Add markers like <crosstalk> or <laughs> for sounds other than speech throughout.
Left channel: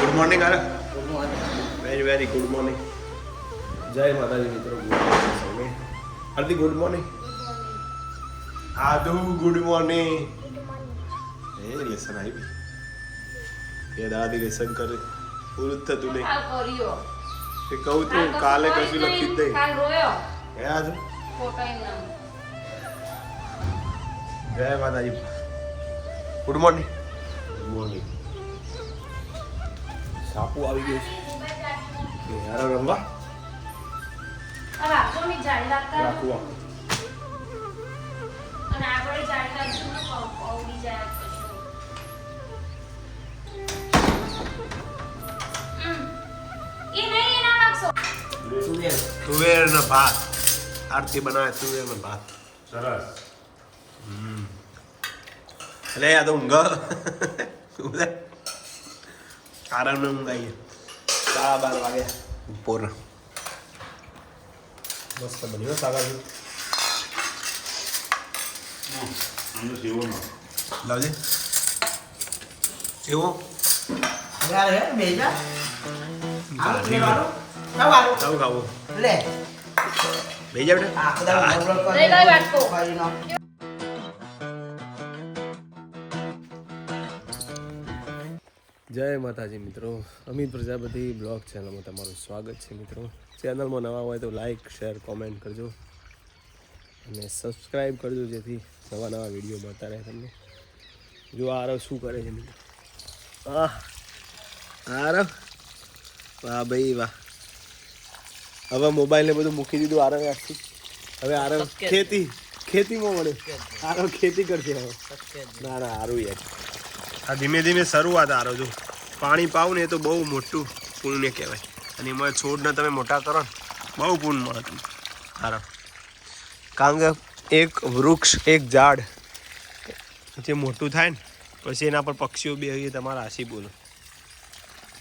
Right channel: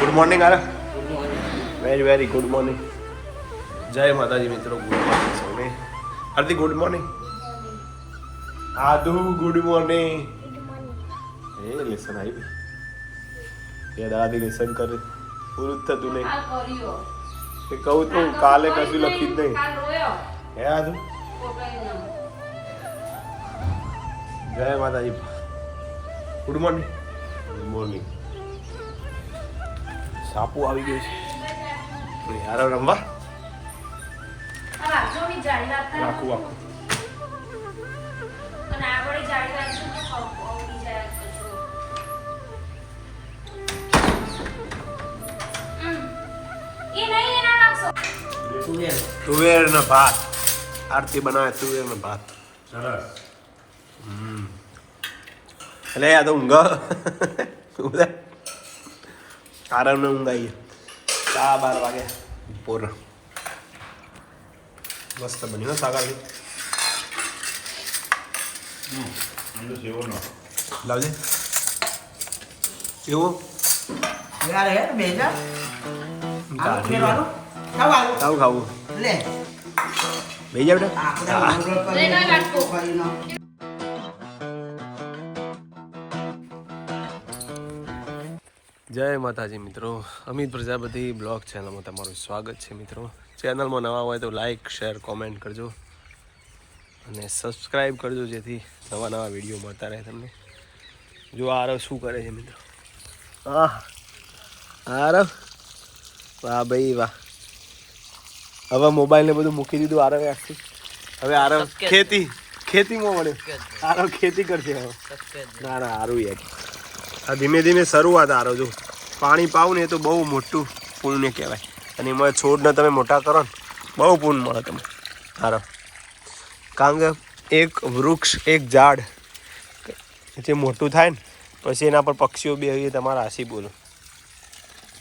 Good morning આરા good morning very very good morning જય માતાજી મિત્રો ગુડ મોર્નિંગ સૌને હાર્દિક ગુડ મોર્નિંગ આદુ ગુડ મોર્નિંગ એ લેસન આવી એ દાદી લેસન કરે પૂરું થતું નહીં એ કહું તું કાલે કશું લખી જ નહીં કાલ હે નહીં. જય Mataji good morning good morning સાપુ આવી ગયો છે. યાર રમવા. હમ. તુવેર. ને ભાત. આરતી બનાવે તુવેર ને ભાત. સરસ. એટલે આ તો ઊંઘ. ઊંઘે આરામ ને ઊંઘ આવી સાડા બાર વાગે બપોર મસ્ત બન્યું સાગર લાવજે બેજા વાળું ખાવ ખાવું લે બે જા બેટા જય માતાજી મિત્રો. અમિત પ્રજાપતિ બ્લોગ ચેનલમાં તમારું સ્વાગત છે મિત્રો. ચેનલમાં નવા હોય તો લાઈક શેર કોમેન્ટ કરજો. અને સબસ્ક્રાઈબ કરજો જેથી નવા નવા વીડિયો મળતા રહે તમને. જો આરવ શું કરે છે મિત્રો? આહ આરવ? વાહ ભાઈ વાહ. હવે મોબાઈલને બધું મૂકી દીધું આરવે આખું. હવે આરવ ખેતી ખેતીમાં વળ્યો. આરવ ખેતી કરશે હવે. ના ના સારું યાર. આ ધીમે ધીમે શરૂઆત આરો જો. પાણી પાવું ને એ તો બહુ મોટું પુણ્ય કહેવાય. અને એમાં છોડને તમે મોટા કરો ને, બહુ પુણ્ય મળે તમને. હારો કારણ કે એક વૃક્ષ, એક ઝાડ જે મોટું થાય ને, પછી એના પર પક્ષીઓ બે હોય તમારા આશી બોલો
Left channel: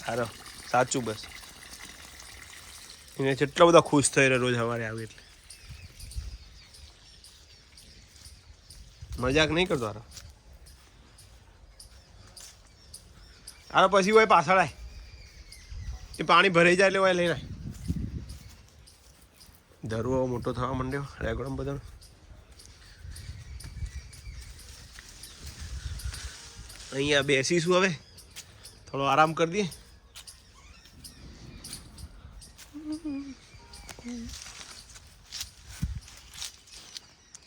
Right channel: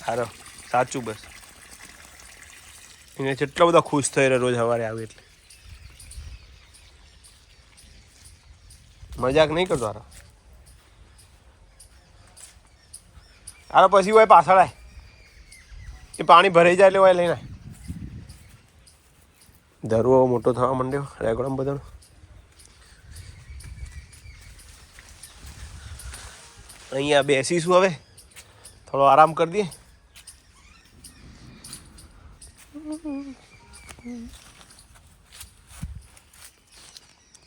હારો સાચું બસ. એને જેટલા બધા ખુશ થઈ રહ્યા રોજ સવારે આવે એટલે. મજાક નહીં કરતો હારો આનો પછી હોય પાછળ આય એ પાણી ભરાઈ જાય એટલે હોય લઈને આય. મોટો થવા માંડ્યો રેગડમ બધાનો અહીંયા બેસીશું હવે. થોડો આરામ કરી દઈએ.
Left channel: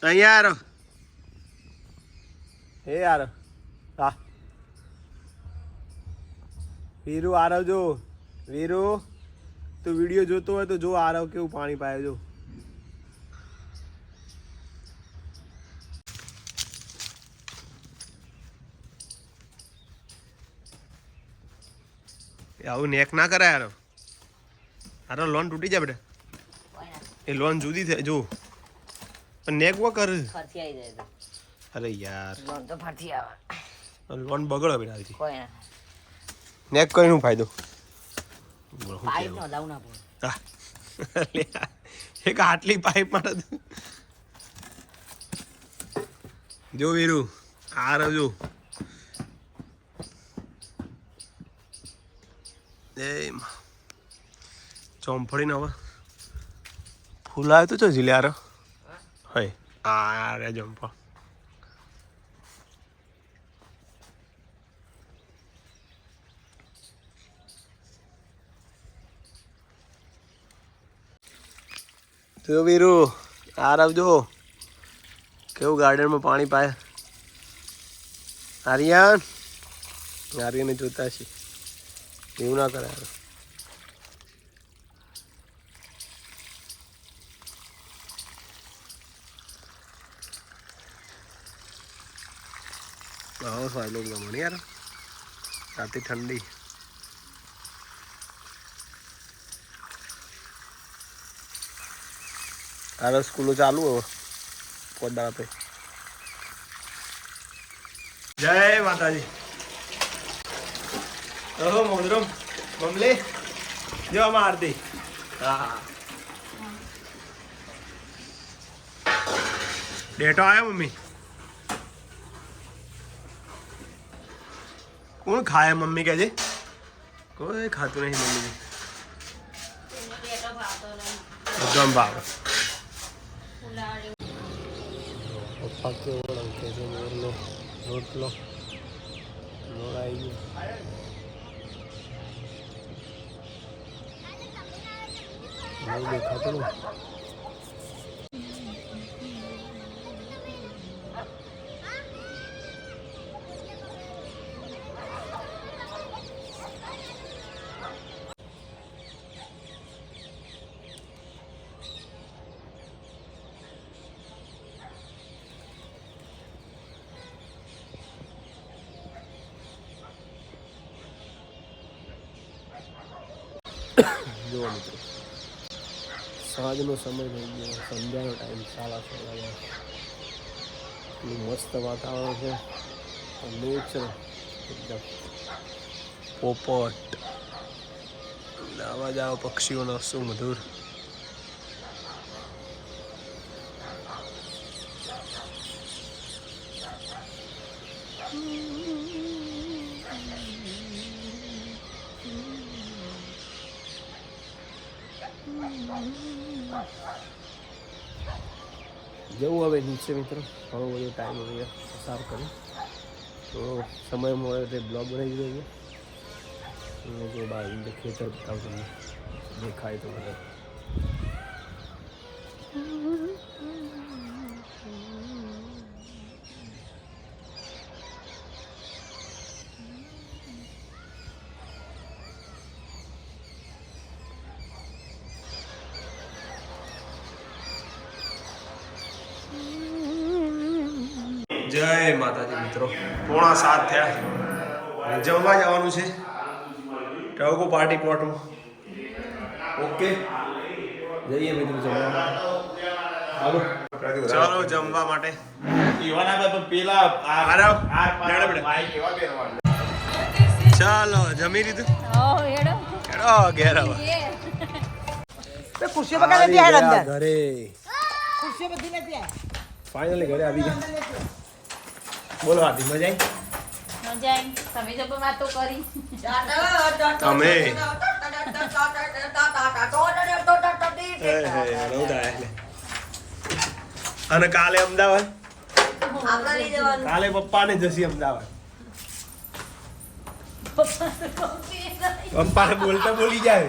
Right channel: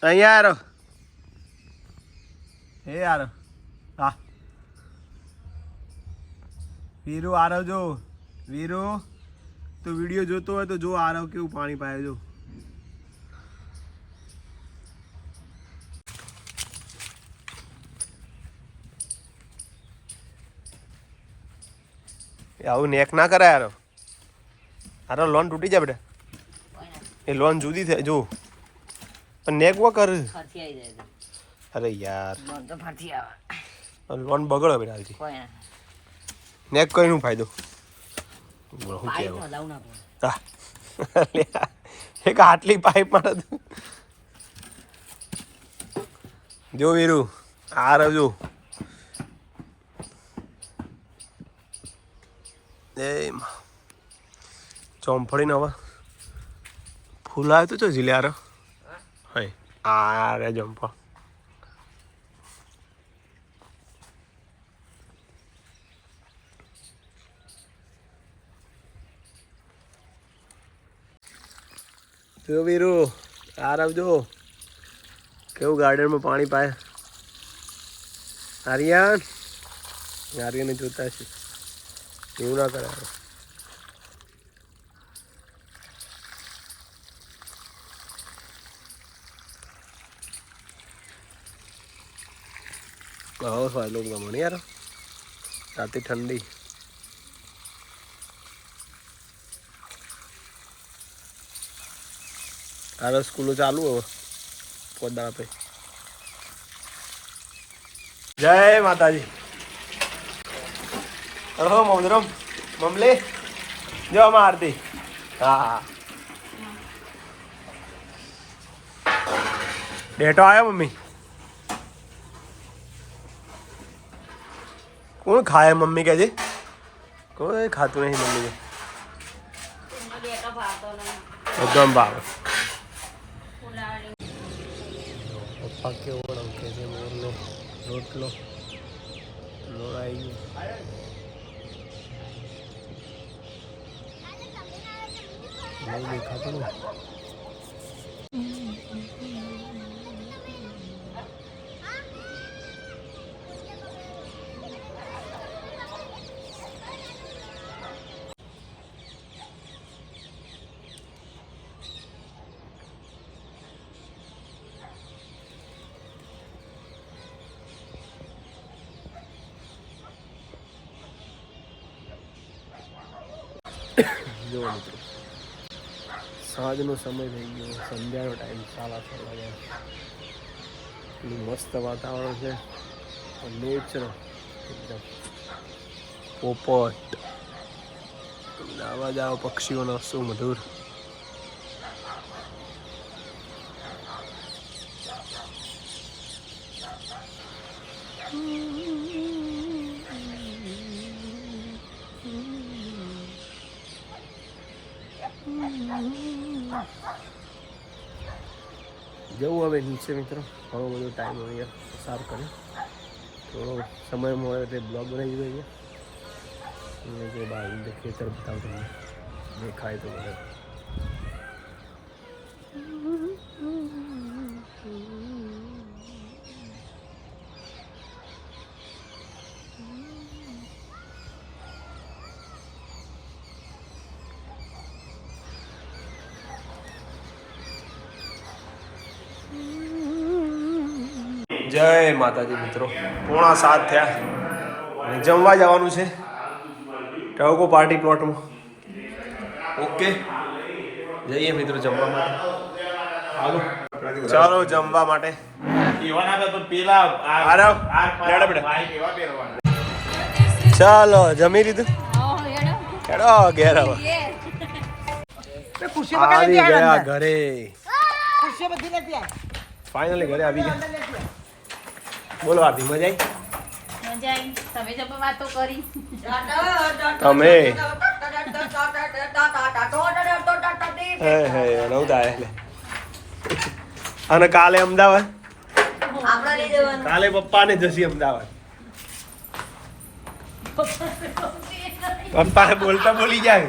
અહીંયા આરો. એ આરો. હા. વીરુ આરવ જો વીરુ તું વીડિયો જોતો હોય તો જો આરવ કેવું પાણી પાય જો એ આવું નેક ના કરાય આરવ આરવ લોન તૂટી જાય બેટા એ લોન જુદી થાય જો પણ નેક વા કર ફરતી આવી જાય તો. અરે યાર મન તો ફરતી આવે લોન બગડો બેટા હાલથી કોઈ ના નેકનું ફાયદો? બોલો હું લાવ ના પડે. <laughs> એક આટલી પાઇપ માટે જો વીરુ આ રહ્યો જો. એ. ચોંફળીને હવે. ફૂલ આવ્યો તો જો જીલ્યા આરો આ રે જંપા જો વીરુ આર આવજો. કેવું ગાર્ડનમાં પાણી પાય? આર્યન? આર્યને જોતા છે એવું ના કરાય. આવો ફાયલો ગમણ યાર. રાતે ઠંડી. આરો સ્કૂલો ચાલુ હવે. પોદા આપે જય માતાજી. ઓહો મોદરમ મમલે. જો આમાં આરતી. હા. ડેટો આવ્યો મમ્મી? કોણ ખાય મમ્મી કે છે? કોઈ ખાતું નહીં મમ્મી બધું ભાવે. કેવો રંગે છે મોરનો રોટલો આવી ગયો નહીં દેખાતું જુઓ મિત્રો. સાંજનો સમય થઈ ગયો, સંધ્યાનો ટાઈમ સાડા છ વાગ્યા એટલું મસ્ત વાતાવરણ છે. નેચર એકદમ પોપટ. અવાજ આવો પક્ષીઓનો, શું જવું હવે નીચે મિત્રો. ઘણો બધો ટાઈમ અહીંયા પસાર કર્યો. થોડો સમય મળે એટલે બ્લોગ બનાવી દીધો અહીંયા. જો બાર ખેતર બતાવું તમને. દેખાય તો બધા. જય માતાજી મિત્રો. પોણા સાત થયા. અને જમવા જવાનું છે. ટવકો પાર્ટી પ્લોટમાં ઓકે. જઈએ મિત્રો જમવા માટે. ચાલો જમવા માટે. ચાલો જમી લીધું? હેડો ઘેર ઘરે. ફાઇનલી ઘરે આવી ગયા. બોલો આધી મજા આવી તમે વાતો કરી. અને કાલે અમદાવાદ? કાલે પપ્પા ને જશી અમદાવાદ. પપ્પાને બોલતા બોલી જાય.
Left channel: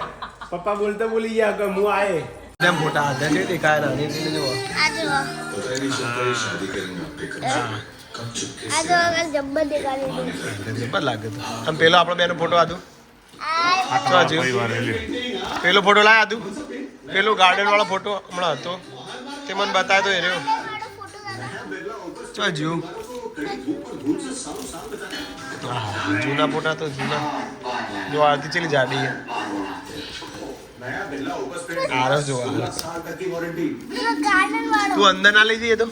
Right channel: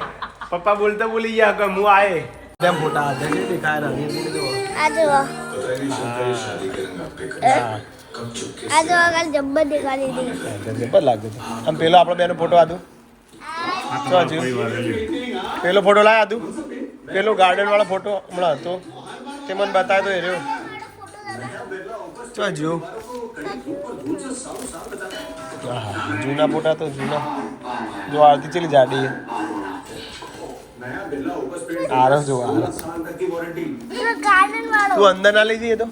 પપ્પા બોલતા બોલી જાય કે હું આયે. તેમ ફોટા હાથે? નહીં દેખાય નાની હતી જબ્બર લાગે તો. આમ પેલો આપણો બેનો ફોટો હતું શું હજુ પેલો ફોટો લાયા હતું પેલો ગાર્ડન વાળો ફોટો હમણાં હતો. તે મને બતાવ્યો એ રહ્યો. ચો હજુ જૂના ફોટા તો જૂના. જો આરતી ચેલી જાડી આરસ જો આરસ. તું અંદર ના લઈ જઈએ તો?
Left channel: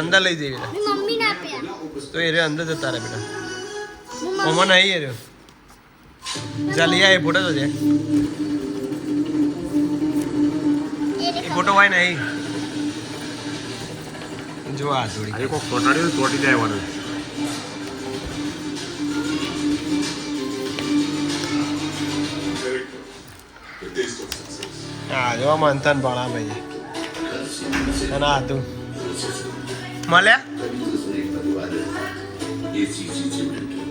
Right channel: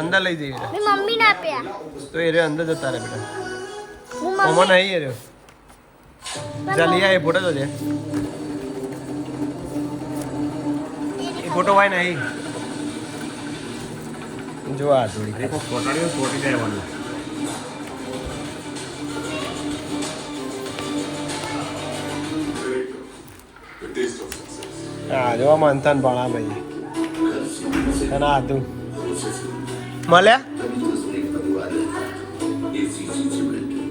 અંદર લઈ જઈએ બેટા. મમ્મી ના આપ્યા. તો એ રહ્યો અંદર જતા રહે બેટા. ઓમાં નહીં એ રહ્યો. ચાલ લઈ આ એ ફોટો જોજે છે એ ફોટો વાય નહીં. જો આ થોડી ચોટાડ્યો તોટી જાય વાળું હા જો મંથન ભાણા ભાઈ. અને આ તું. મળ્યા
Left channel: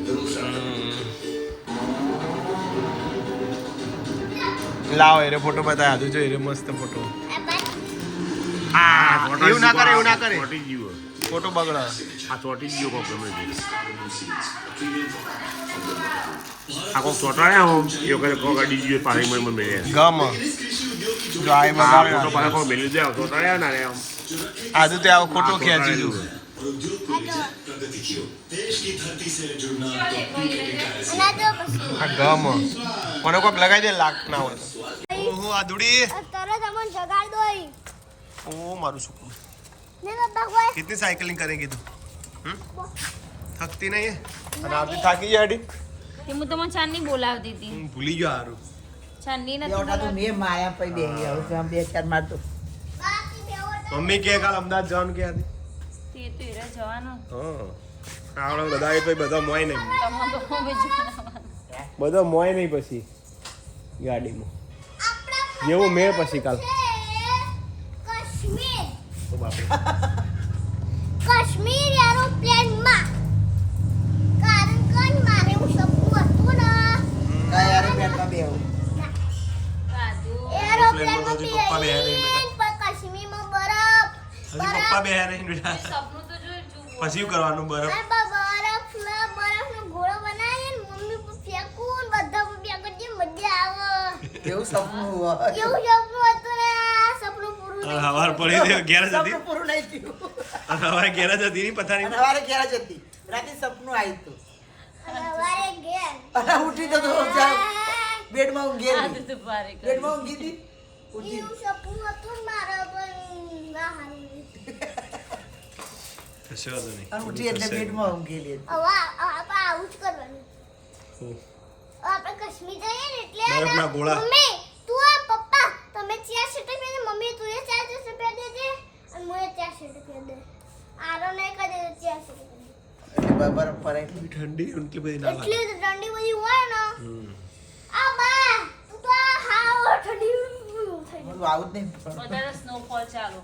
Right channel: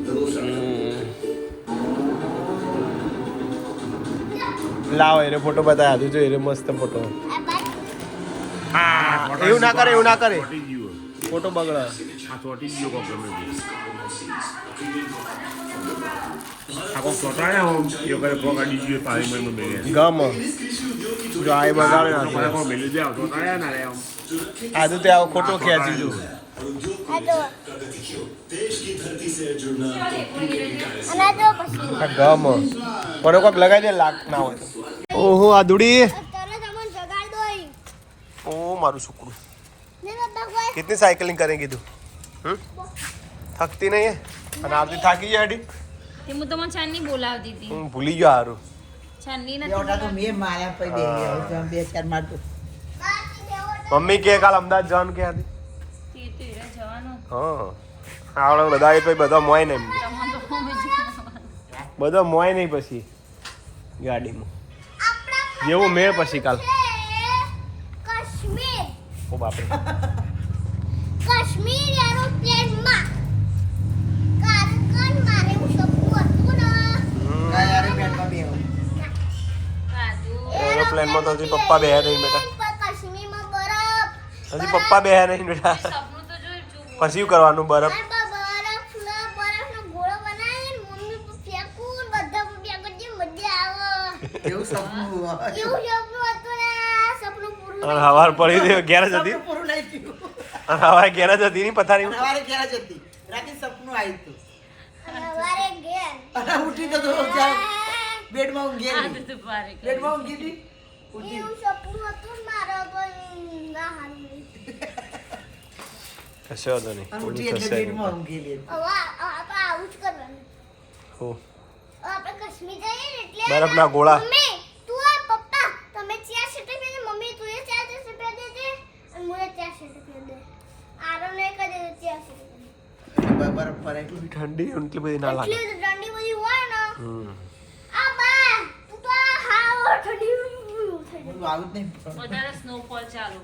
હમ. લાવો એરે ફોટો બતાવ્યા તું જો એરે મસ્ત ફોટો. આ એવું ના કરે એવું ના કરે. ફોટો બગડે. આ ચોટી ગયો કોક ગમે આ કોક ચોટાડ્યા હું? એ વખતે કોક અડી ગયો પાણીમાં મેળ્યા ગમ. જો આ બગાડે તો પાછા ના કોક મેળ્યું જાય ચોટાડ્યા ના આ તો આવો ખોટો કે જીજુ ગમ પણ કોક લગાવી દે લાગ ના હોય ઓહો આ દુડી ઓ મારું છોકરું કેટલી સાયકલિંગ કરે કીધું થકતી નહીં અને આપતી થાકી ગયા હતી હું તમને છાનની બોલાવતી હતી ભૂલી ગયો હારું છાનની મેં માયા પડી બે ચાર મારતું મમ્મી કે કાલ અમદાવાદ જવાનું કે હતી હા. આવડે બધા એ તો બધા મોય નહીં. બધા મોય નહીં પછી ગાડીમાં. જેવું મેળ પછી કાલ. છે કાશ્મીર ઓ બાપરે. કાશ્મીર એરોપ્લેનમાં કારણ કે મારે એવું સપનું હતું ને. કયા એરોપ્લેનમાં તો હજી પપ્પા બેહ્યા નહીં બેટા. હજી પપ્પા બે નહીં બેટા. પછી શું કરવાનું બરફ હવાર પડી ગયો હતી નહીં હવારે ઘેર હતી નહીં પથારી હતી. રાતે સપનું આવ્યું હતું. ઉઠી તો બેડમાં ઊંઘી આ ગયેલી. બધું ભારે કર્યું. બેડમાં ઊંઘી હતી. સપનું હતું ને પણ ના હારું રહ્યું. કશો હતો નહીં ઉઠી એટલે. બેડમાં ઊંઘેલી હતી. હવે આપણે આવું જ કરવાનું હો. આપણે કાશ્મીર જઈએ ને એટલે બરફના ગોળા. મમ્મી તું આ પપ્પા તમે ચાર શર્ટ પહેરી મમ્મી તું એ ચાર શર્ટ પહેરી દેજે અને હું એ ચાર શર્ટ પહેરી દે આરો નહીં કરી દે ચાર શર્ટ દે. બરફ પડે. એટલી ઠંડી એટલી બધી ના લાગે એટલી ઠંડી બધી હોય ને. આ બા તું તો હાવ ઠંડી થઈ બોલું આવું જ નહીં. વધારે સ્નોફોલ ચાલુ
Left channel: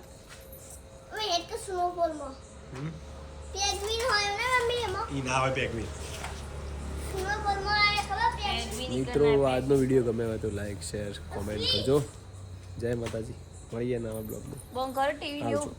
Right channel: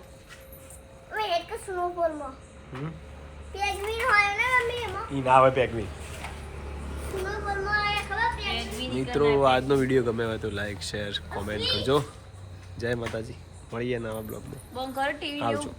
ગઈ એક સ્નોફોલમાં હમ. પેગ્વિન હોય ને મમ્મી એમાં ઈ ના આવે પેકની સ્નોફોલમાં આયા ખબર પેગ્વિન મિત્રો આજનો વીડિયો ગમે હોય તો લાઈક શેર કોમેન્ટ કરજો. જય માતાજી. મળીએ નવા બ્લોગમાં. આવજો.